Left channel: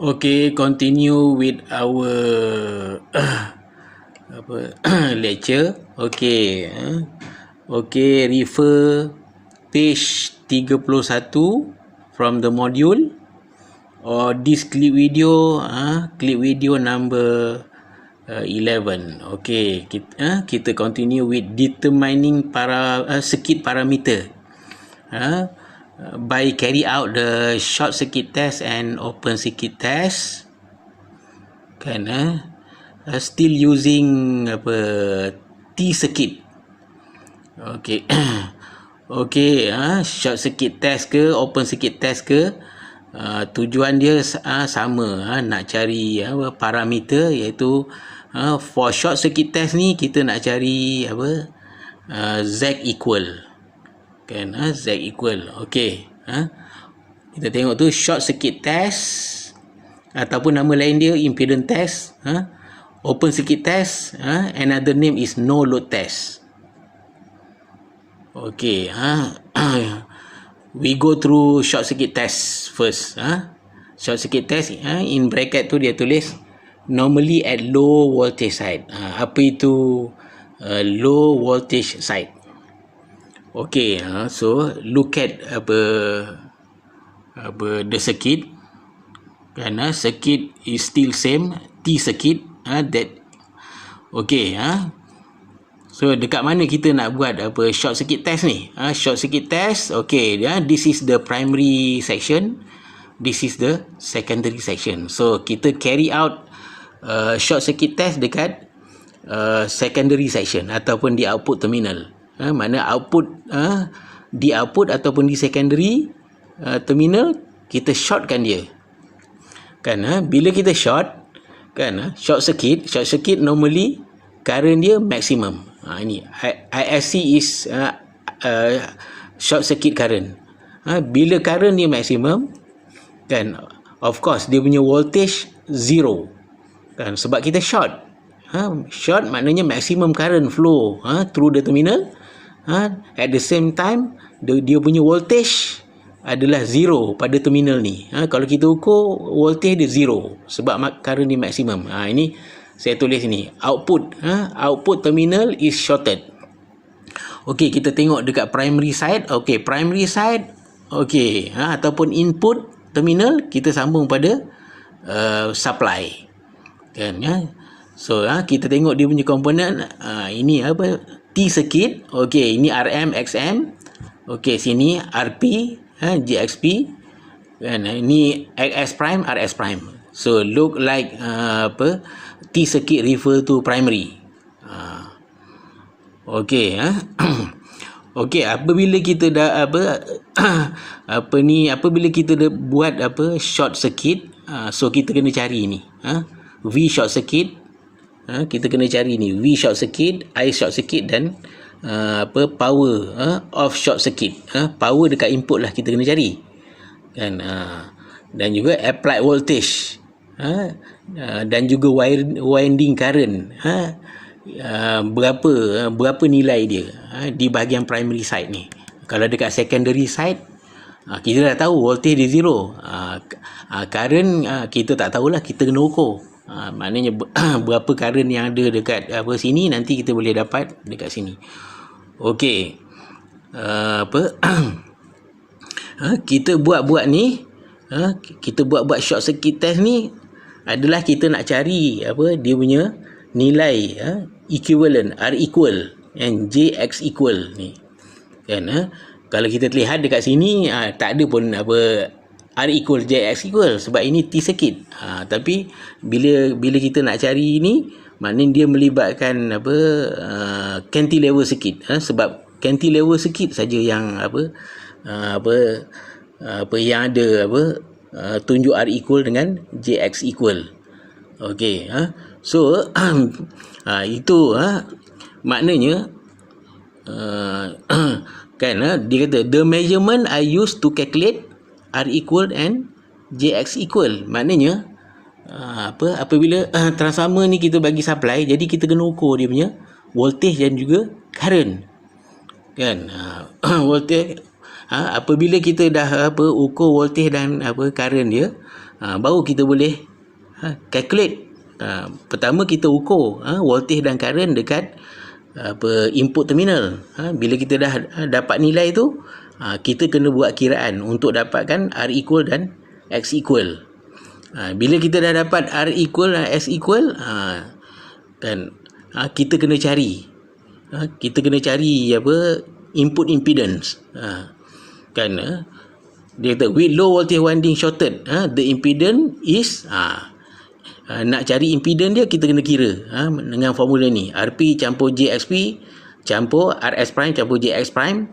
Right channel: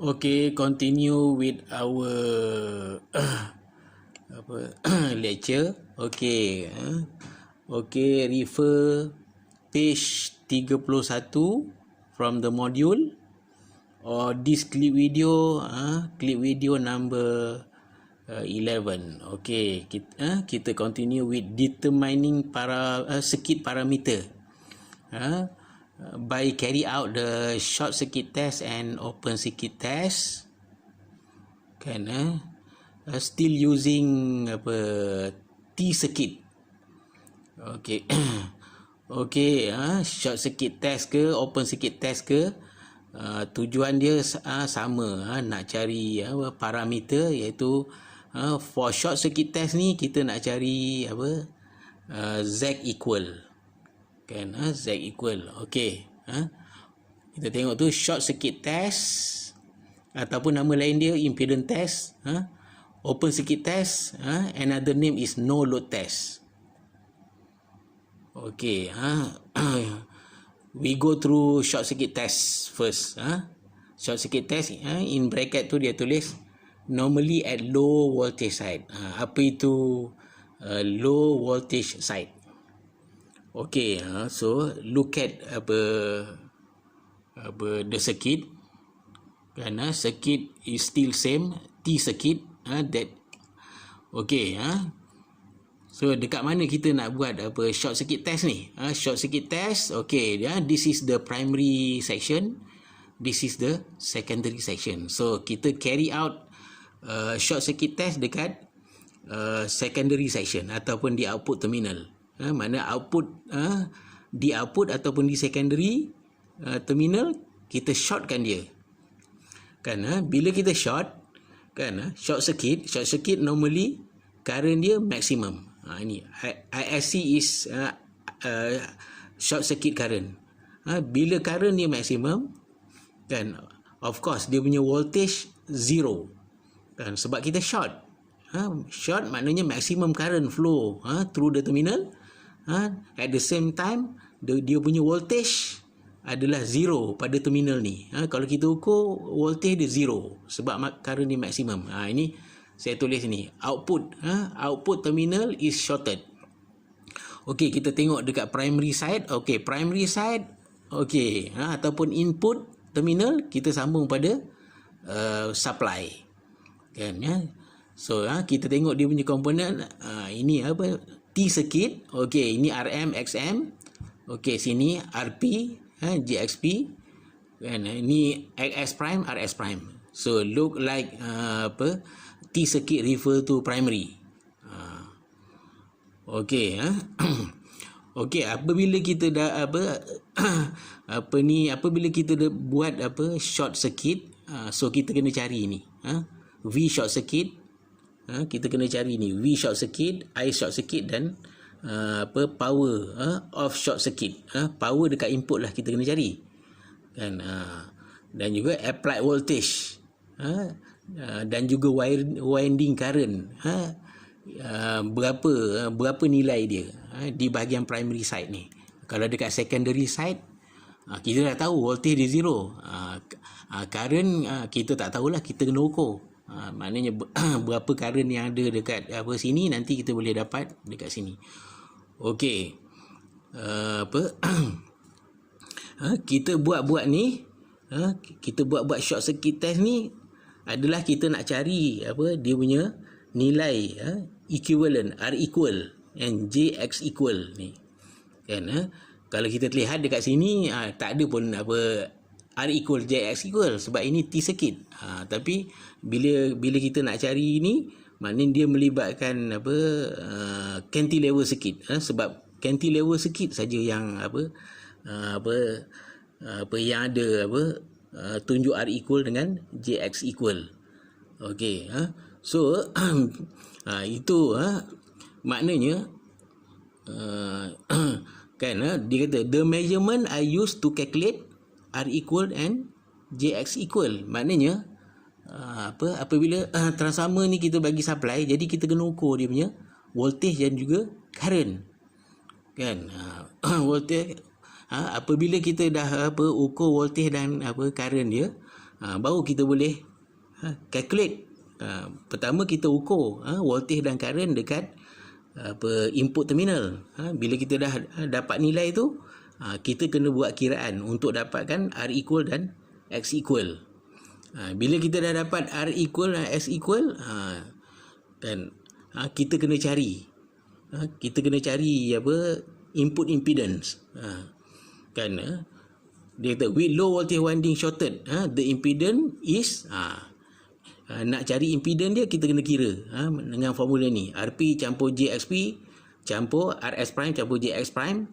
Okay, continue with our apa lecture. Okay, okay, refer page 31 from the module or this clip video number 11. Okay, kita continue with determining circuit parameter. By carry out the short circuit test and open circuit test, kan still using T circuit. Okay. Okay, short circuit test ke open circuit test ke, tujuan dia sama, nak cari parameter, iaitu for short circuit test ni kita nak cari Z equal, kan, Z equal. Okay, kita tengok tu short circuit test ataupun nama lain dia impedance test, open circuit test, another name is no load test. Okay, we go through short circuit test first. Short circuit test, in bracket tu dia tulis normally at low voltage side. Apa itu low voltage side? Okay, so look at the circuit, kan, circuit is still same, T circuit, that okay. So dekat mana kita nak buat short circuit test ni? Short circuit test, okay, this is the primary section, this is the secondary section. So kita carry out short circuit test dekat secondary section ataupun di output terminal. Mana output di output ataupun di secondary terminal, kita shortkan dia, kan. Bila kita short, kan, short circuit normally current dia maximum. Ini ISC is short circuit current. Bila current dia maximum, kan, of course dia punya voltage zero, kan, sebab kita short. Short maknanya maximum current flow through the terminal. At the same time dia punya voltage adalah zero pada terminal ni. Kalau kita ukur voltage dia zero sebab current dia maximum. Ini saya tulis ni output, output terminal is shorted. Okey, kita tengok dekat primary side. Okey, primary side, okey, ataupun input terminal kita sambung pada supply, kan, so kita tengok dia punya komponen. Ini T circuit. Okey, ini RM XM. Okey, sini RP, JXP, kan, ini XS prime, RS prime. So look like T circuit refer to primary. Okey, okey, apabila kita dah apabila kita dah buat short circuit, so kita kena cari ni V short circuit, kita kena cari ni V short circuit, I short circuit dan power of short circuit. Power dekat input lah kita kena cari, kan, dan juga applied voltage, dan juga winding current, berapa nilai dia di bahagian primary side ni. Kalau dekat secondary side, kita dah tahu voltage dia zero, current kita tak tahulah, kita kena ukur. Maknanya berapa current yang ada dekat sini, nanti kita boleh dapat dekat sini. Okey, kita buat ni, kita buat short circuit test ni adalah kita nak cari dia punya nilai equivalent, R equal and JX equal ni, kan. Kalau kita lihat dekat sini, tak ada pun R equal JX equal sebab ini T circuit. Tapi bila kita nak cari ni, maknanya dia melibatkan cantilever circuit, sebab cantilever circuit saja yang yang ada tunjuk R equal dengan JX equal. Okey, so itu maknanya kan, dia kata the measurement I used to calculate R equal and JX equal. Maknanya apabila transformer ni kita bagi supply, jadi kita kena ukur dia punya voltage dan juga current, kan. Voltage, apabila kita dah ukur voltage dan current dia, baru kita boleh calculate. Pertama kita ukur voltage dan current dekat input terminal. Bila kita dah dapat nilai tu, kita kena buat kiraan untuk dapatkan R equal dan X equal. Bila kita dah dapat R equal dan S equal, kan kita kena cari input impedance. Kan dia kata with low voltage winding shorted, the impedance is nak cari impedance dia, kita kena kira dengan formula ni, RP campur JXP campur RS prime campur JX prime.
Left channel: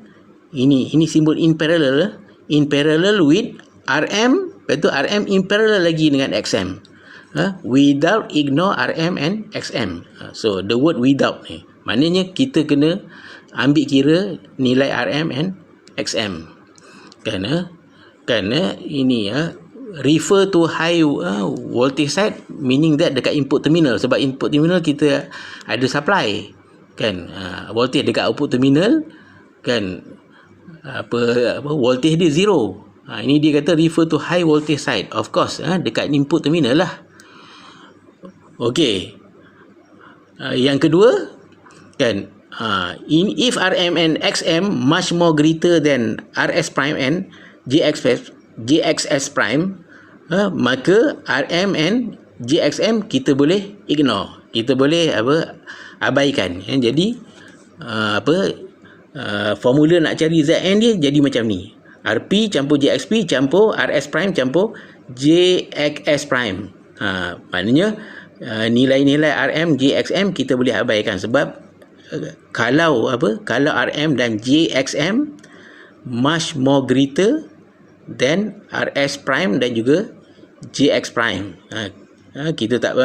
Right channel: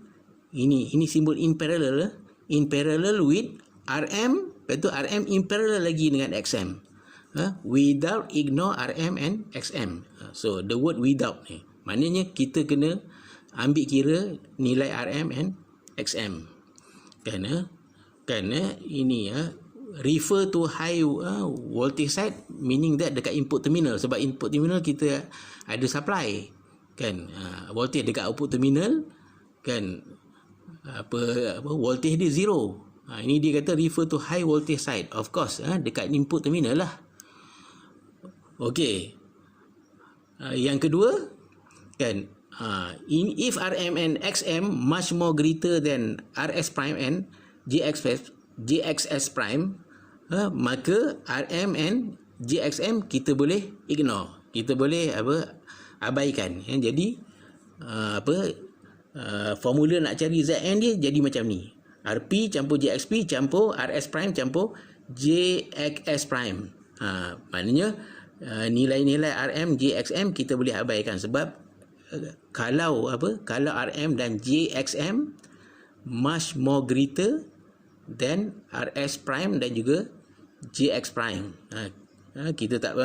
Ini simbol in parallel with RM, lepas tu RM in parallel lagi dengan XM. Without ignore RM and XM. So the word without ni maknanya kita kena ambil kira nilai RM and XM. Kerana ini refer to high voltage side, meaning that dekat input terminal, sebab input terminal kita ada supply kan, voltage dekat output terminal kan, voltage dia zero. Ini dia kata refer to high voltage side, of course dekat input terminal lah. Okey, yang kedua kan, if RM and XM much more greater than RS prime and JXS prime, maka RM and JXM kita boleh ignore, kita boleh abaikan. Jadi formula nak cari Zn dia jadi macam ni, RP campur JXP campur RS prime campur JXS prime. Maknanya nilai-nilai RM JXM kita boleh abaikan, sebab kalau RM dan JXM much more greater than RS prime dan juga JX prime, kita tak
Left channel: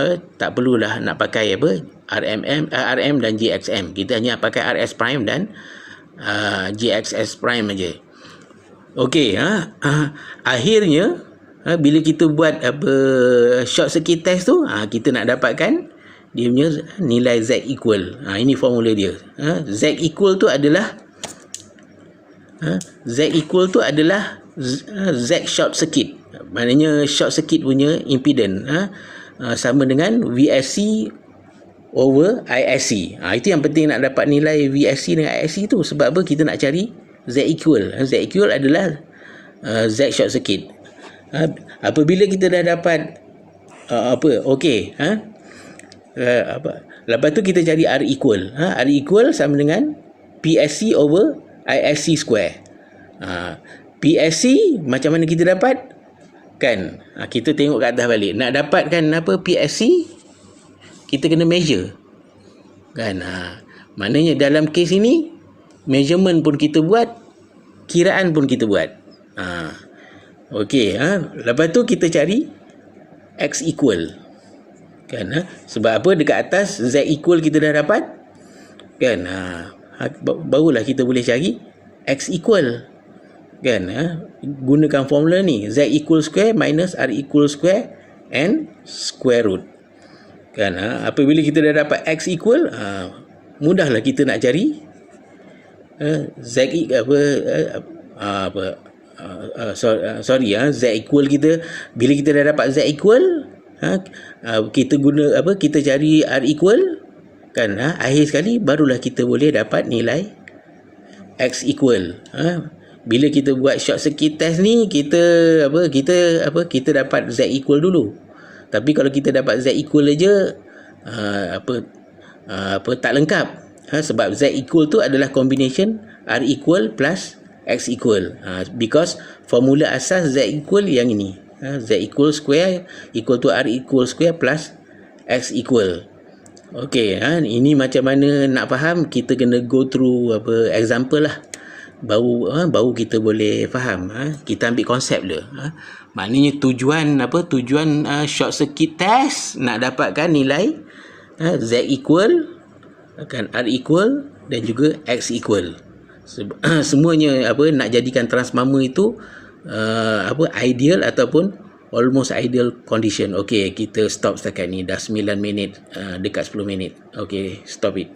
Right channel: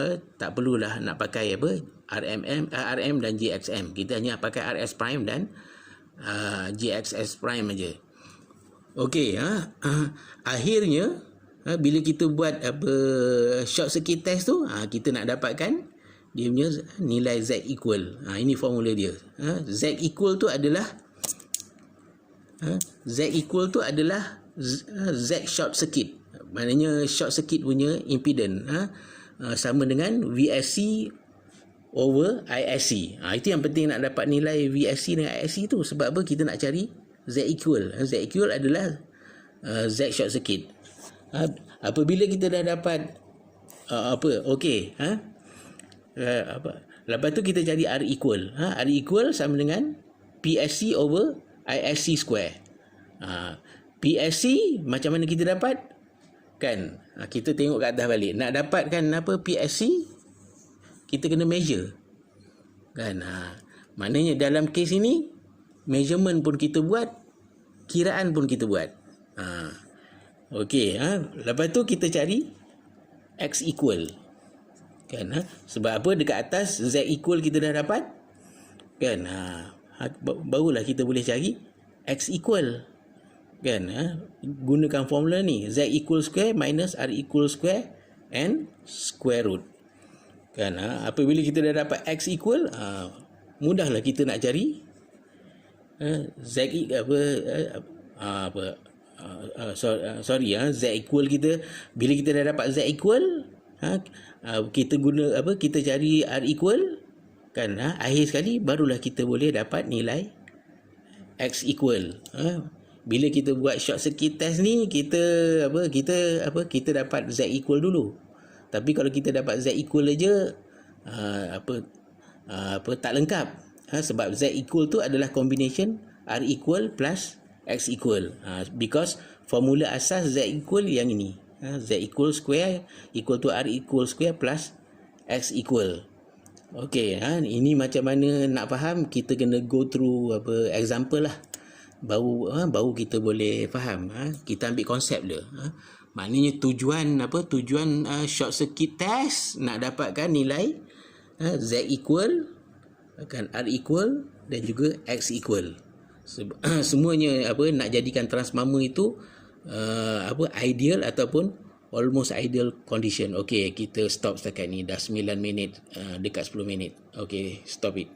perlulah nak pakai RM dan JXM, kita hanya pakai RS prime dan JXS prime aja. Okey, akhirnya bila kita buat short circuit test tu, kita nak dapatkan dia punya nilai Z equal. Ini formula dia. Z equal tu adalah Z short circuit. Maknanya short circuit punya impedance sama dengan VSC over ISC. Itu yang penting nak dapat nilai VSC dengan ISC tu. Sebab apa? Kita nak cari Z equal. Z equal adalah Z short circuit. Apabila kita dah dapat lepas tu kita cari R equal. R equal sama dengan PSC over ISC square. PSC macam mana kita dapat? Kan? Kita tengok ke atas balik. Nak dapatkan PSC, kita kena measure. Kan? Maknanya dalam kes ini, measurement pun kita buat, kiraan pun kita buat. Okey. Lepas tu kita cari X equal. Kan? Sebab apa? Dekat atas Z equal kita dah dapat. Kan? Barulah kita boleh cari X equal. Kan? Gunakan formula ni, Z equal square minus R equal square and square root. Kan? Apabila kita dah dapat X equal, mudahlah kita nak cari Z Z equal kita. Bila kita dah dapat Z equal, kita kita cari R equal kan, akhir sekali barulah kita boleh dapat nilai X equal. Bila kita buat short circuit test ni, kita dapat Z equal dulu. Tapi kalau kita dapat Z equal aja tak lengkap. Sebab Z equal tu adalah combination R equal plus X equal. Because formula asas Z equal yang ini. Z equal square equal to R equal square plus X equal. Okey, ini macam mana nak faham, kita kena go through example lah. Baru kita boleh faham. Kita ambil konsep dia. Maknanya tujuan short circuit test nak dapatkan nilai Z equal, kan, R equal dan juga X equal. Semuanya nak jadikan transformer itu ideal ataupun almost ideal condition. Okey, kita stop setakat ni. Dah 9 minit, dekat 10 minit. Okey, stop it.